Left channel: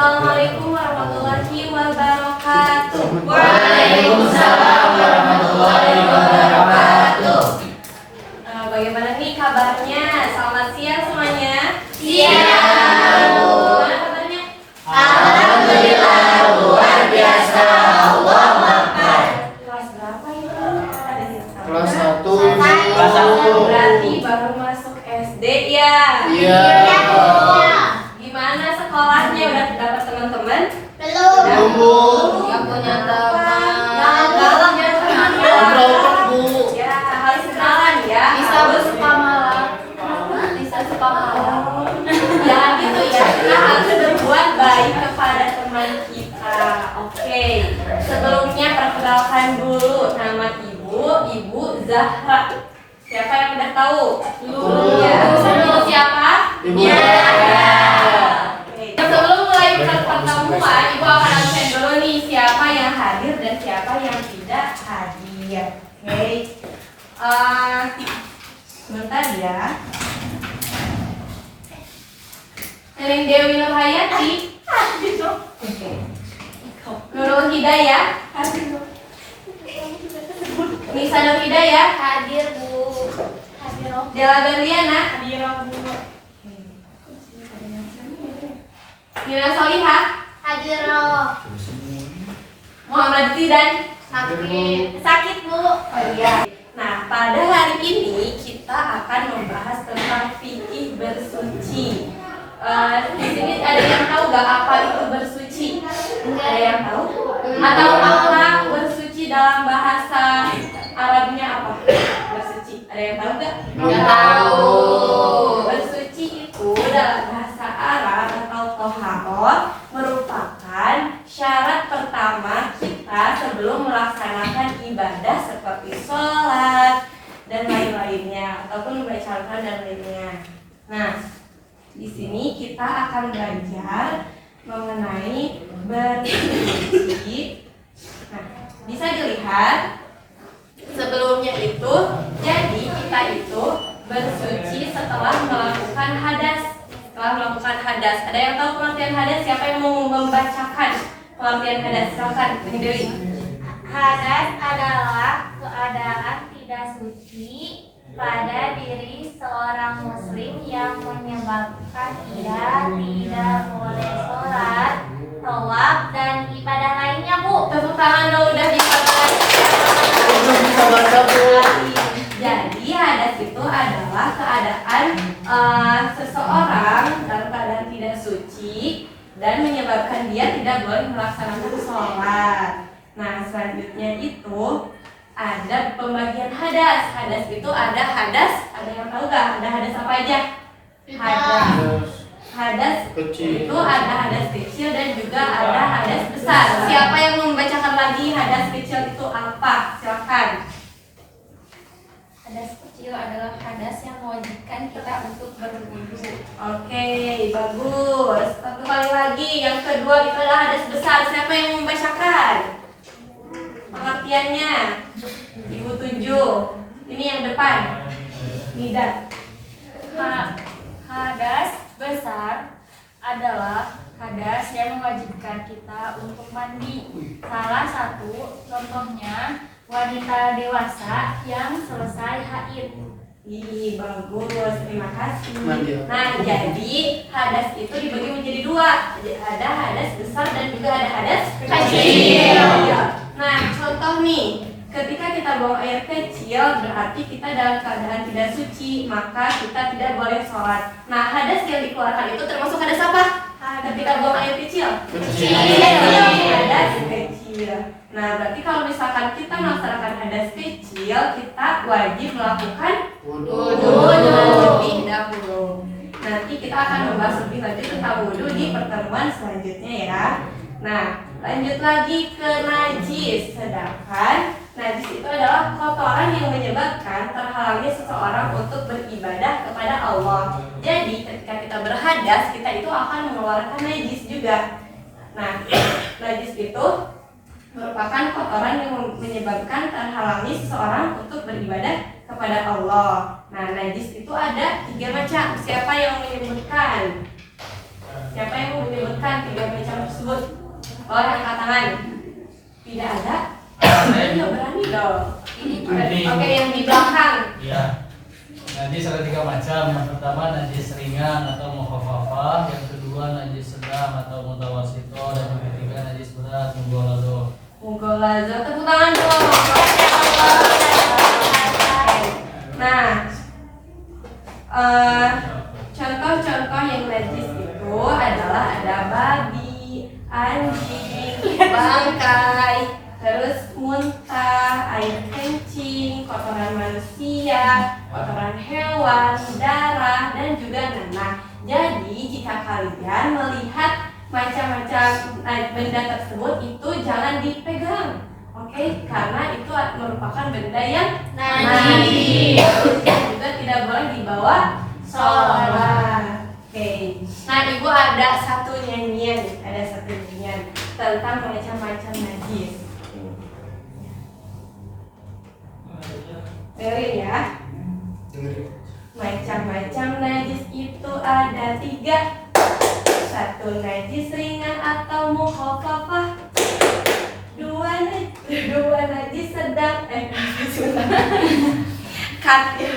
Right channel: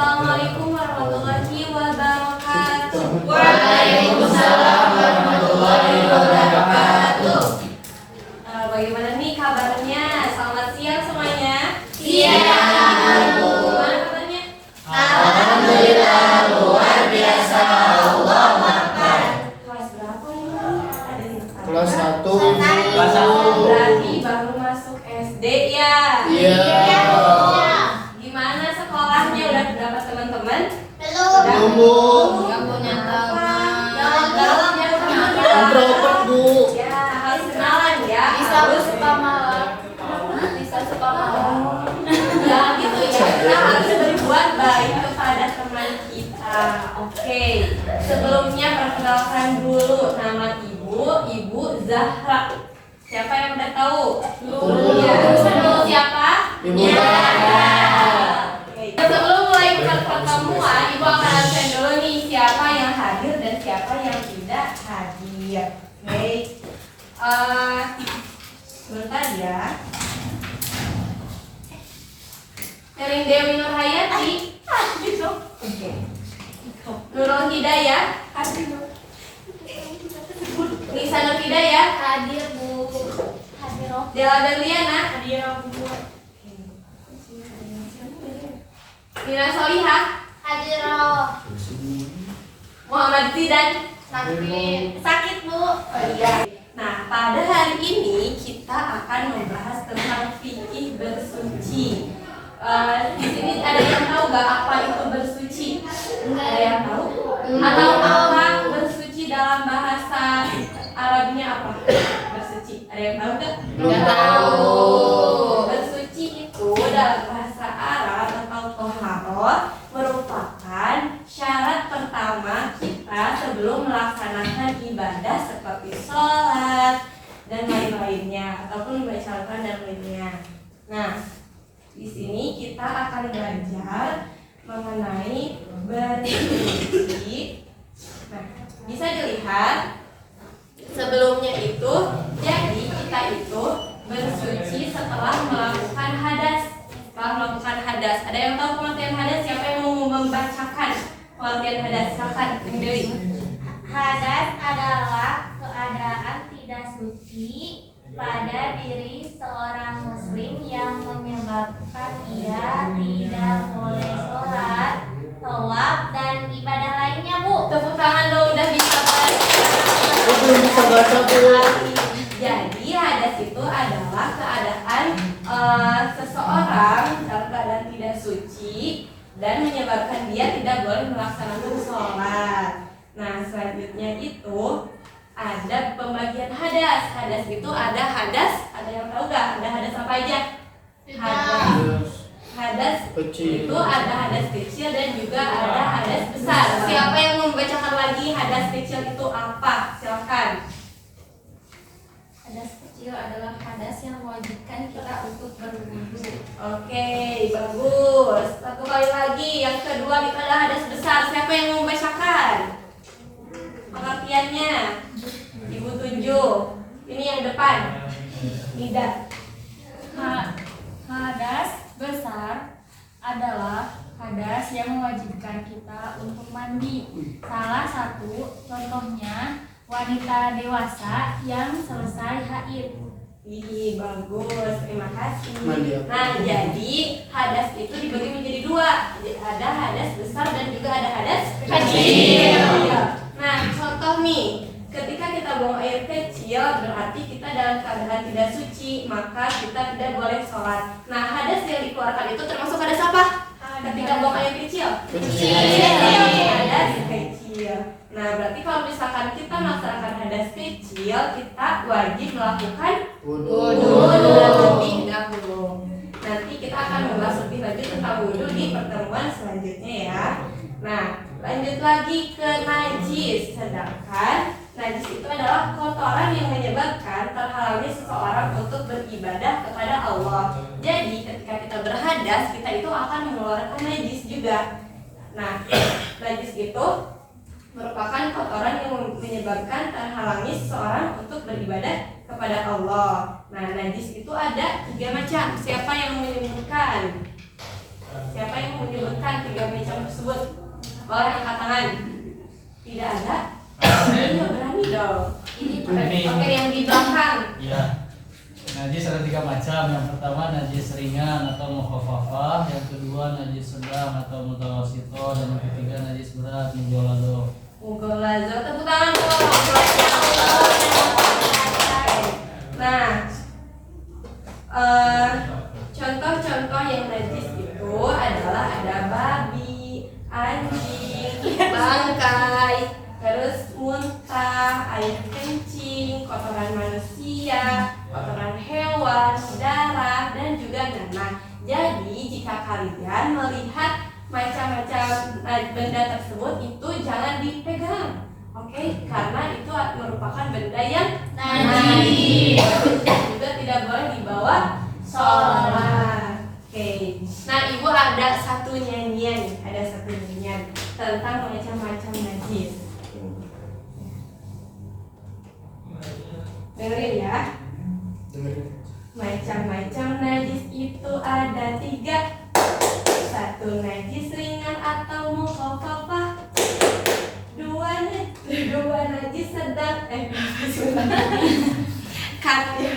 Assalamualaikum warahmatullahi wabarakatuh. Waalaikumsalam warahmatullahi wabarakatuh. Bagaimana nih kabarnya? Selamat siang semuanya. Siang. Gimana katanya? Alhamdulillah luar biasa. Allahu Akbar. Kelas berapa ini? Ada yang tahu? Kelas 1 Kelas satu. Berarti baru masuk SD ya? Iya. Gimana sekolahnya? Udah dapat teman-teman? Belum. Belum. Yang punya teman. Yang dalam ya, teman. Berapa Bu? Ya, harus kenalan ya. Bisa bersuka malam. Bisa suka malam. Jangan gitu ya, kita harus berbuat baik kepada teman kita. Oke, sebelumnya perkenalkan dulu nama Ibu Zahra. Siapa yang udah tahu? Ya, sebelum siapa? Ibu Ya. Zahra. Oke. Sebelum mulai pertemuan, Ibu akan absen dulu nih siapa yang hadir dan siapa yang tidak hadir. Oke. Sebentar ya. Neneng Dewi Nurhayati. Oke. Nurul Hidayah. Nisa Nur Hidayah. Hadir Bu. Hadir. Dela Berliana. Hadir Bu. Nina Solihah. Hadir. Muhammad Zidan. Sakit Bu. Oh iya. Nah, pada hari ini kita akan membahas tentang fikih bersuci. Di sini ada yang tahu nggak apa itu bersuci? Ada yang tahu? Atau apa bersuci dalam bahasa Arabnya apa? Bersuci. Ada yang tahu nggak? Nggak tahu. Bersuci itu dalam bahasa Arab atau toharoh merupakan syarat pertama kita sebelum melaksanakan ibadah seperti sholat dan lain-lainnya ataupun membaca Al-Quran dan lainnya. Nah, di sini kita akan belajar mengenai bersuci. Nah, bisa dilihat sebelumnya itu, jadi kita itu bersuci setelah melakukan hadas. Setelah melakukan hadas, ada yang tahu pengertian hadas? Siapa yang mau membacakan pengertian hadas? Silakan, Ini Dewi. Hadas adalah keadaan tidak suci pada diri seorang muslim yang menyebabkan ia tidak boleh sholat, tawaf, dan ibadah lainnya Bu. Tepuk tangan dong, udah bisa baca. Belum bisa baca Bu. Jadi hadas itu adalah keadaan seseorang dalam keadaan tidak suci dan menyebabkan dia tidak boleh melaksanakan sholat. Nah, selanjutnya itu ada pembagian hadas. Hadas itu ada yang tahu gak? Ada hadas apa aja? Hadas Kecil. itu ada hadas kecil dan juga ada hadas besar. Siapa yang membacakan lagi hadas kecil itu apa? Silakan. Hadas kecil adalah hadas yang mewajibkan kita untuk berwudu. Oke, bagus. Satu kali lagi. Yang kedua itu adalah hadas besar. Siapa yang membacakan pengertiannya? Ibu tunjuk. Ini yang depan. Nida. Hadas besar adalah hadas yang mewajibkan kita untuk mandi. Salah satu contohnya wanita dewasa yang selesai haid. Ih, bagus. Terima kasih. Mandi. Nah, jadi hadas itu dibagi menjadi dua. Ada hadas besar dan juga ada hadas Kecil. Nah, contoh nih, ketika kita buang air kecil berarti kita dalam keadaan tidak suci, maka kita tidak boleh sholat. Nah, hadas yang dikeluarkan itu termasuk hadas apa? Ketika buang air kecil. Kecil. Hadas kecil. Nah, berarti kalau misalkan kita melaksanakan hadas kecil, kita wajib melakukan wudu terlebih dahulu. Nanti kita akan membahas lebih lanjut tentang wudu di pertemuan selanjutnya ya. Nah, lanjut lagi ke najis. Sedangkan najis itu adalah kotoran yang menyebabkan terhalangnya seseorang untuk beribadah kepada Allah. Jadi ketika kita berhadas, kita itu akan mengeluarkan najis juga. Nah, najis itu merupakan kotoran yang menyebabkan terhalangi seseorang untuk beribadah kepada Allah. Nah, najis itu ada 3 macam. Siapa yang menyebutkan? Siapa yang menyebutkan 3 macam Boleh angkat tangan. Tidak ada? Ayo berani dong. Oke, yang di belakang. Iya. Najis ada 3 macam. Yang pertama najis ringan atau mukhafafah, yang kedua najis sedang atau mutawassithah, dan yang ketiga najis berat mughalladhah. Mughalladhah, tepuk tangan dong. Nah, contoh-contoh yang najis itu adalah ada babi, anjing, bangkai, terus muntah, air kencing, kotoran manusia, kotoran hewan, darah, dan juga nanah. Jadi jika kalian melihat macam-macam benda tersebut itu jangan dipegang, oke? Karena itu merupakan benda yang najis. Dan juga tidak boleh dibawa sholat. Oke. Nah, ibu ada satu nyanyian tentang macam-macam najis. Dengerin ya. Macam-macam najis itu ada 3. 1 najis ringan atau mukhafafah. 2 najis sedang. Cut ya.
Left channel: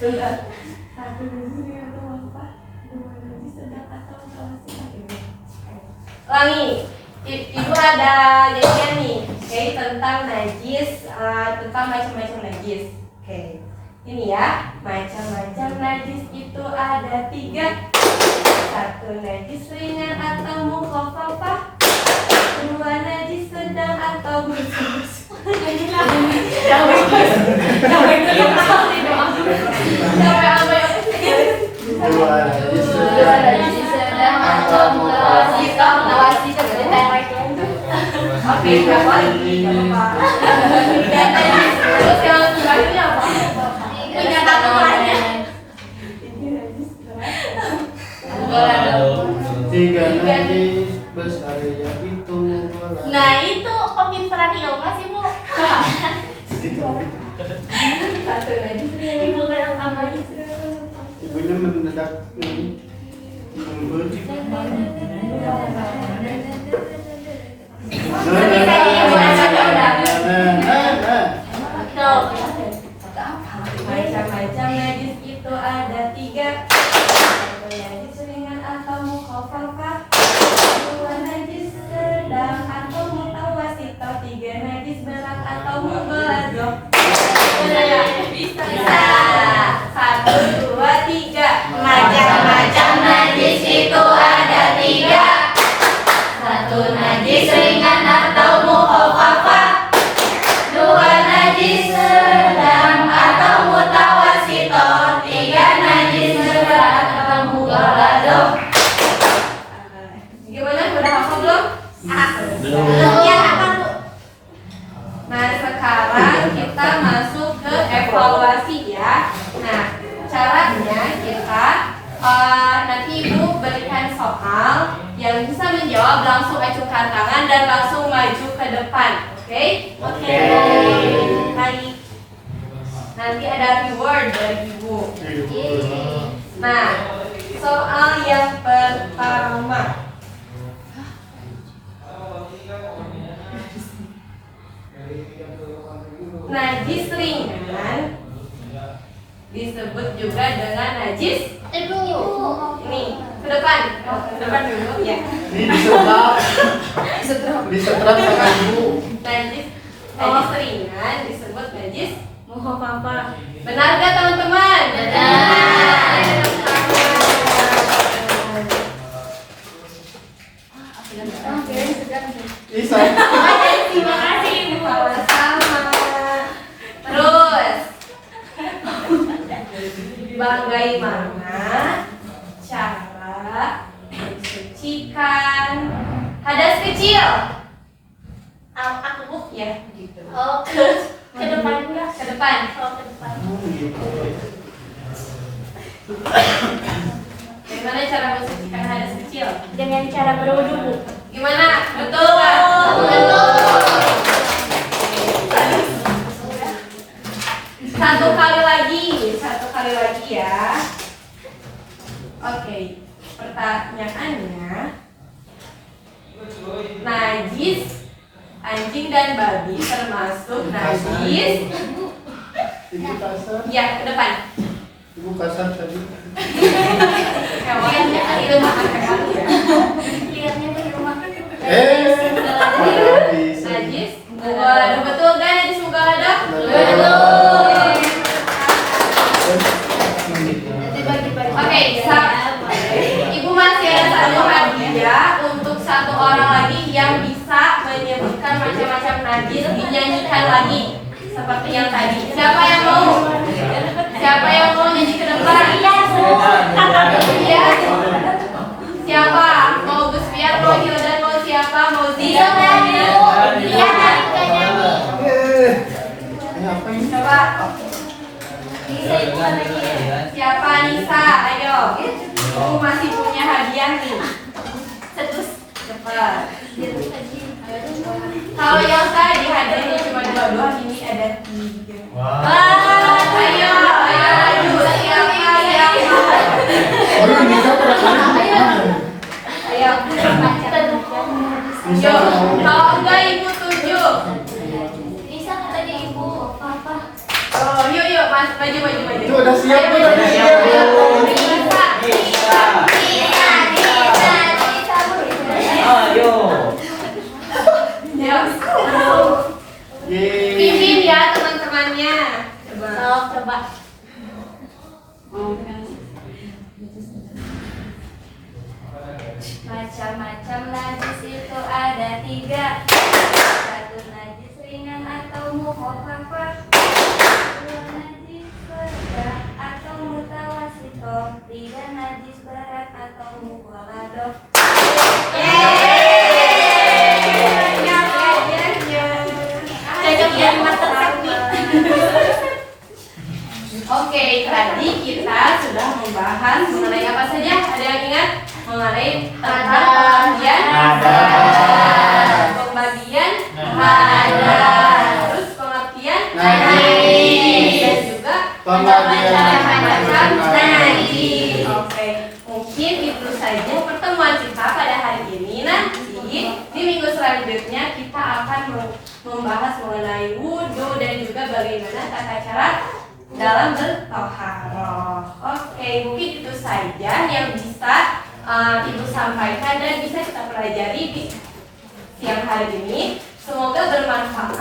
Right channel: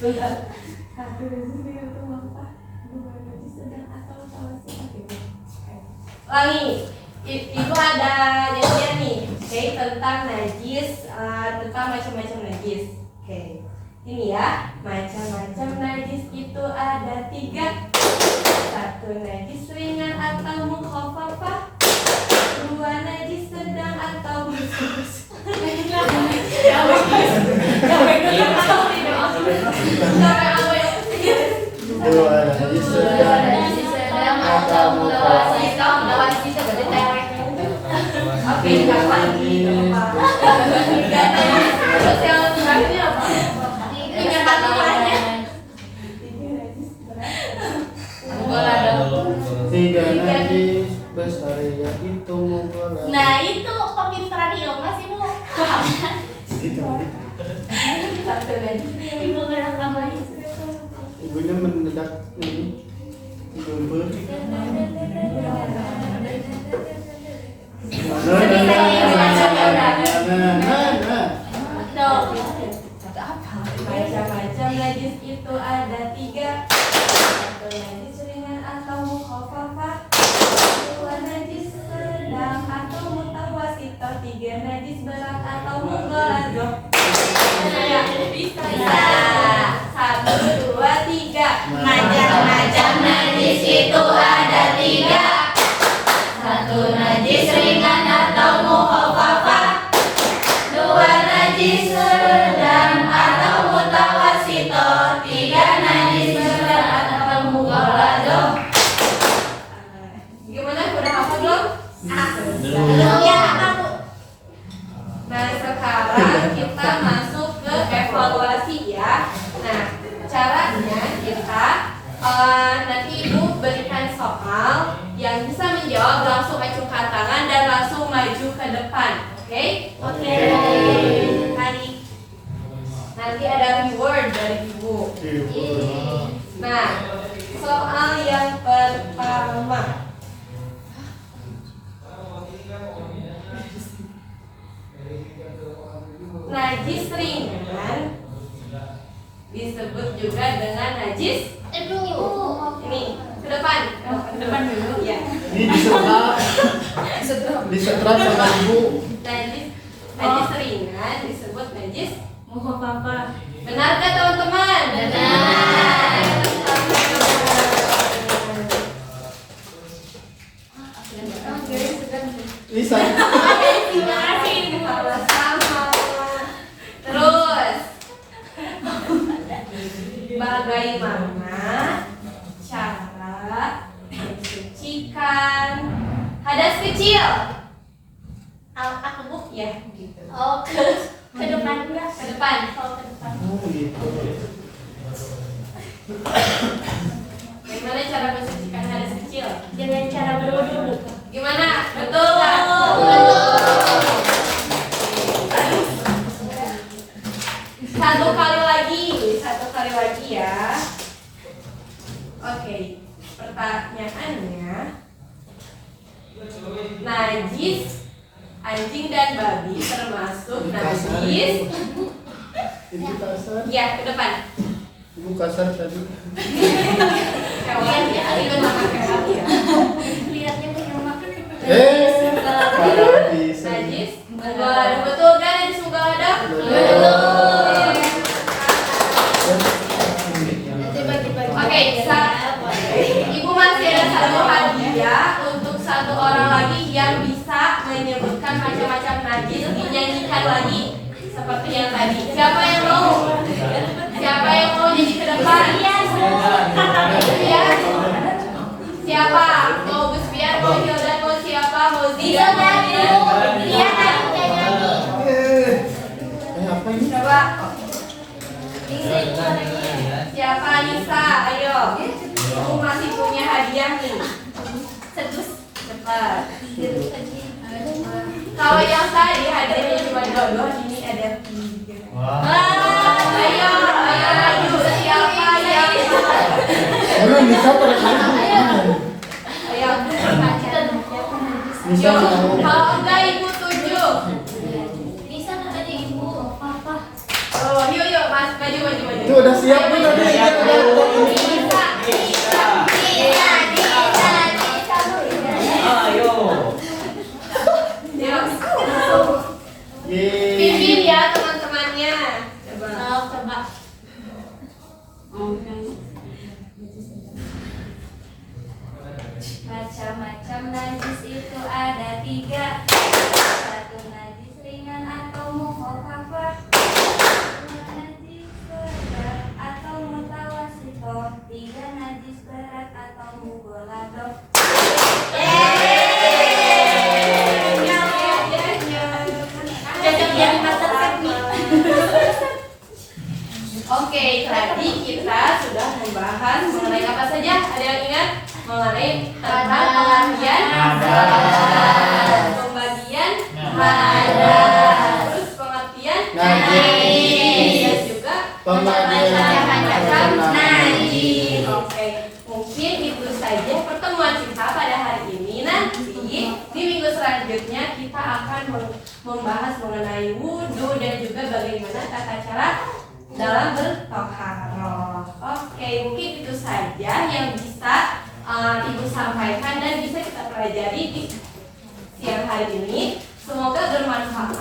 Bentar. 1 najis ringan atau mukhafafah. 2 najis sedang atau mutawassithah. Ulangi. Ibu ada nyanyian nih, oke, tentang najis, tentang macam-macam najis. Oke, ini ya, macam-macam najis itu ada 3. 1 najis ringan atau mukhafafah. 2 najis sedang atau Oke, nggak lagi, nggak apa-apa. Terus yang terakhirnya apa? Penyataannya. Tiga najis besar yang itu mughalladhah. Nah itu pemintaran ilmu sih Bu. Satu najis ringan. Ibu kadang tambah Ibunya mendadak ini lembut. Macam-macam najis itu ada 3. 1 najis ringan atau mukhafafah. 2 najis sedang atau mutawassithah. 3 najis berat atau mughalladhah. Bisa. 1, 2, 3. Macam-macam najis itu ada 3. 1 najis ringan atau mukhafafah. 2 najis sedang atau mutawassithah. 3 najis berat atau mughalladhah. Gimana? Udah hafal belum? Belum. Yang apa Bu? Nah, sekarang kita masuk ke evaluasi ya. Nah, caranya kita nanti Ibu berikan soal yang bisa menjawab, langsung acungkan tangan dan langsung maju ke depan. Oke? Oke. Naik. Nanti ada reward dari Ibu. Nah, soal yang pertama. Najis ringan disebut juga dengan najis. Ini ke depan. Ke depan dulu ya. Ini disetrap sama ibu. Najis ringan disebut najis mukhafafah. Benar gak teman-teman? Benar. Bisa. Terima kasih Ibu. Sama-sama. Terus bagaimana cara mensucikan hadas kecil? Aku Bu ya gitu. Oh, ke depan juga. Ke depan. Oh, ke depan. Bagaimana cara mensucikan hadas kecil? Dengan cara berwudu. Gimana? Betul nggak? Betul. Satu kali lagi ya. Oke, pertanyaannya, najis najis anjing dan babi termasuk najis. Ibu kasar. Ya, ke depan. Ibu kasar tadi. Hewan ya, itu makan hewan ya. Lihatnya dari rumah. Paradis. Najis. Waduh, betul kan najis muka ada? Betul. Oke, Ibu masih ada satu hadiah untuk satu orang lagi yang bisa menyebutkan macam-macam najis, dinyanyikan lagi seperti yang tadi. Siapa yang mau? Siapa yang mau nyanyi ke depan? Iya. Siapa? Mau Gus Piar, mau Hildan, mau siapa? Mau Zia? Iya, Apa ini? coba. Siapa Nisa? Ayo. Ibu masih punya hadiah nih. Cetus, cepat. Kalau yang tadi hadiahnya cuma 2, ini ada 3. Ayo, lanjut. Siapa yang? Ayo Nisa terakhir. Ayo, Nisa yuk. mau. Kalau enggak Ibu 7. Bisa nggak tadi ibu? Papa. Oh, yuk, Mas, maju. Itu udah siap nih, udah siap. Yeay. Pimpin ya teman-temannya. Coba. Macam-macam najis itu ada 3. 1 najis ringan atau mukhafafah, 2 najis berat atau mutawasitoh, 3 najis berat atau mughaladoh. Cocok jadi master sakti. Oke, tadi kita sudah membahas mengenai apa saja? Ada yang ingat? Mengenai tentang pengertian pembagian terus pengertian Najis. dan juga Pembagian macam-macam najis. Oke, mungkin itu saja pertemuan kita pada hari ini. Nanti di minggu selanjutnya kita akan membahas mengenai wudhu dan juga bagaimana tata cara dalam bertoharoh. Oke, mungkin itu saja yang bisa Ibu sampaikan dan bisa kita pelajari di siang hari ini. Semoga bermanfaat.